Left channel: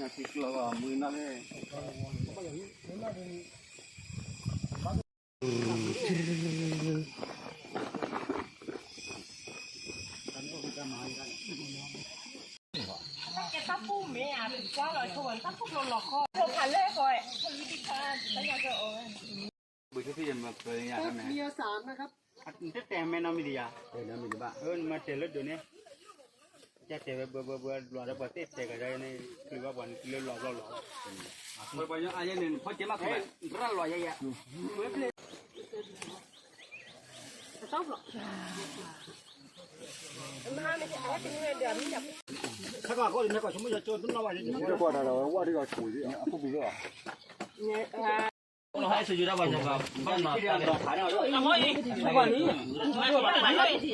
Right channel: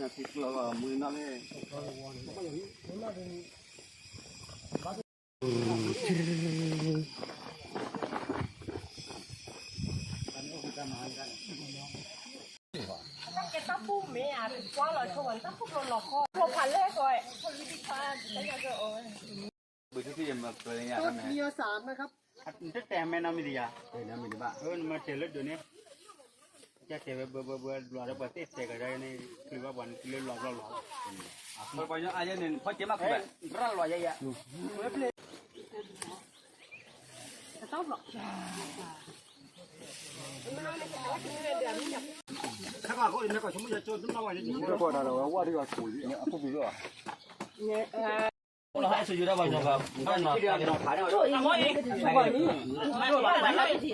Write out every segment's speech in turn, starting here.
Nasi kelapa mana le? Cái tóc phu mẹ à, quá rồi không tóc phu lột lọt kho, không phải lẽ rồi, không đi qua, tới nhà rồi. Bữaที่มาเปิดงานกันไหม? มีสามนะครับจะแต่แม่น้ำมีดีอ่ะน้ำมีดีบ้างมาเจอรถอยู่นี่จะเจอเบอร์หล่อระเบิดเตะเจอกันได้นี่คือว่าวันเรื่องหล่อเปิดไปยังอายุหนึ่งพอเจ็บมากเลย ร่างหล่อใหญ่ชอบหรอมาไม่ใช่ไอ้ที่นี่เดี๋ยวมันจะข้าวก็เลยนะก็สมมติจะโจรต้องระวังจะไม่กลัวเราว่าที่เราคุยอ่ะผู้บิโร่เราให้สุดยอดไปยังครับบ้านนอนที่เราขายเรา ทำไมทุกวันนี้บ้านไหนที่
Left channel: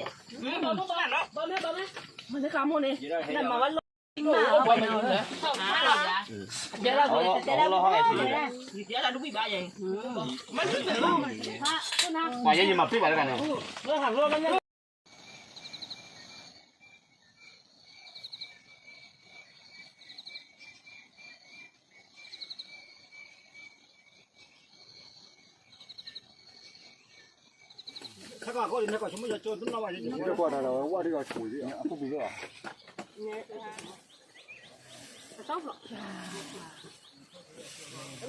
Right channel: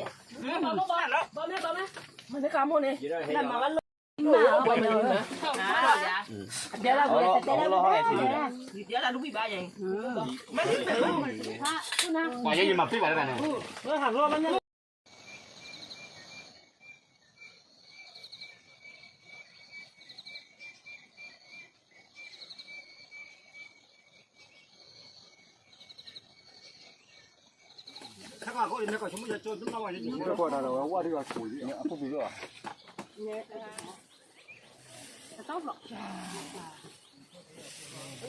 บ้านแล้วบ้านมันจะขโมยเนี่ยนั่นมาวันหนาวไปเนาะเดี๋ยวเราให้สุดยอดเดี๋ยวเราดูพี่บ้านยังไม่ถึงว่ายังมาพี่บ้านกันนะเราถามว่ามันข้าวก็เลยนะก็สมมติจะโจรต้องระวังจะไม่กลัวเราว่าที่เราคุยอ่ะผู้บิโร่ชอบหรอ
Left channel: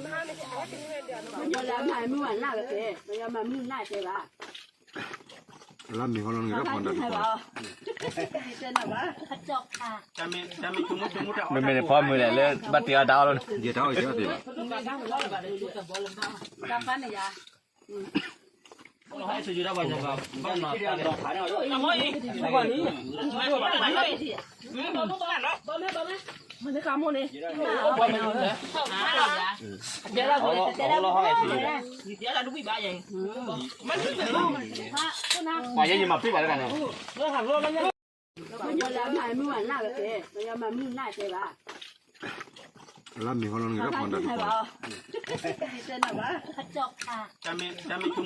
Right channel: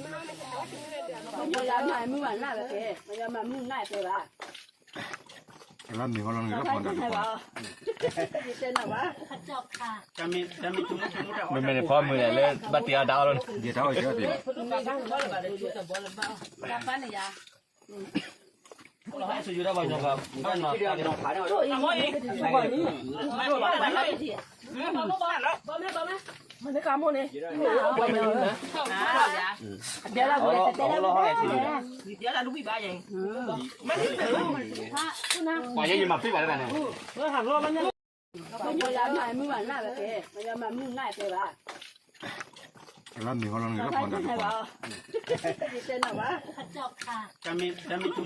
มาไม่ใช่ไอ้ที่นี่เดี๋ยวมันอยู่แล้วมันไม่หวานหน้าเลยมันยังมันมุ่งหน้าเลยว่ะแล้วมีคนลงเงินก็ผ่อนได้ทุกคนเป็นแบบว่าขัดจอกค่ะจะมีจุ่มไม่ได้พร้อมมือเลยบัตรเตียดาวเลยเดี๋ยวเท่าไหร่ก็ดีรับฟันเลยจ้ะเราให้สุดยอดไปยังครับบ้านนอนที่เราขายเราทำไมทุกวันนี้บ้านไหนที่บ้านแล้วมันจะขโมยเนี่ยหนาวไปเนาะเดี๋ยวเราให้สุดยอดเดี๋ยวเราดูพี่บ้านยังไม่ถึงว่ายังมาพี่บ้านกันนะเราถามว่ามันอยู่แล้วมันไม่หวานหน้าเลยมันยังมันมุ่งหน้าเลยว่ะแล้วมีคนลงเงินก็ผ่อนได้ทุกคนเป็นแบบว่าขัดจอกค่ะจะมีจุ่ม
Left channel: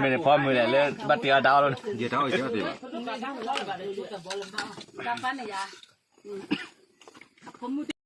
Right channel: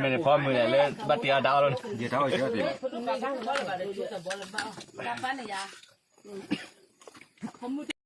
ไม่ได้พร้อมมือเลยบัตรเตียดาวเลยเดี๋ยวเท่าไหร่ก็ดีรับฟันเลยจ้ะ